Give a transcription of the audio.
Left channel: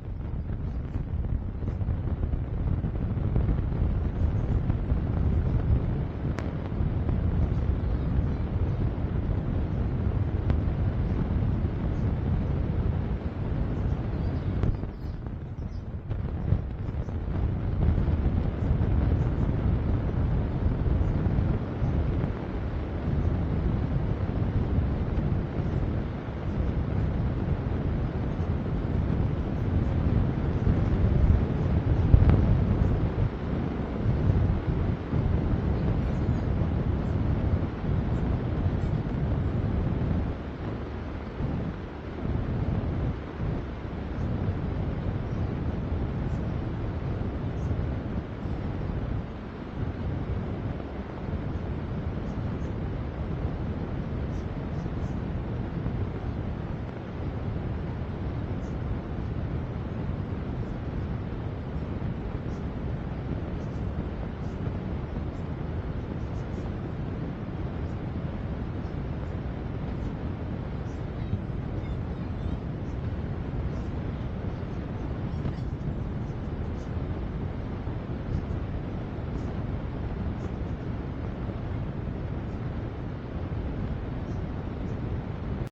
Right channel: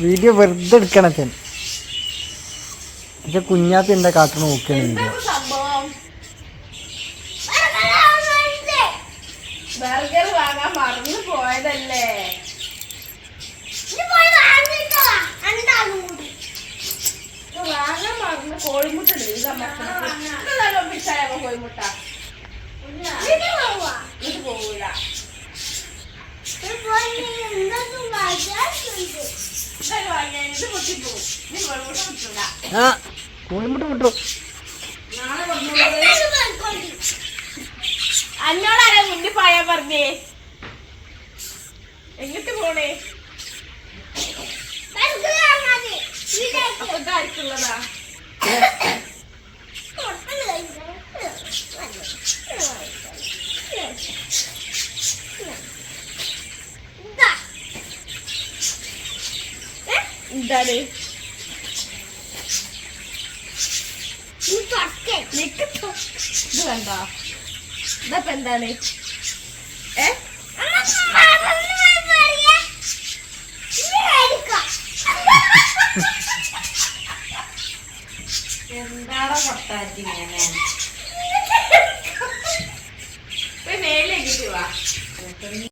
Video വെറുതെ എടുക്കണം അച്ഛൻ. പക്ഷെ കുഞ്ഞാത്തി എന്താ കാട്ടു നോക്കുകയാണ്. ബർഗർ വാങ്ങാൻ മറന്നു പോയതല്ലേ. വാങ്ങാൻ മറന്നു കോഴിമുട്ട കോഴിമുട്ട പോകൂല. കോഴിമുട്ട കിട്ടും. അന്നോടാരാ മുന്നിൽ പോയാ പറഞ്ഞേ? എങ്ങിട്ട് പോണേ? ആർക്കുള്ളതാ? എന്താണ് ഇത് വേണ്ട. ഇതപ്പ എന്താണ്? എന്താടാ പൊട്ടാറ്റി?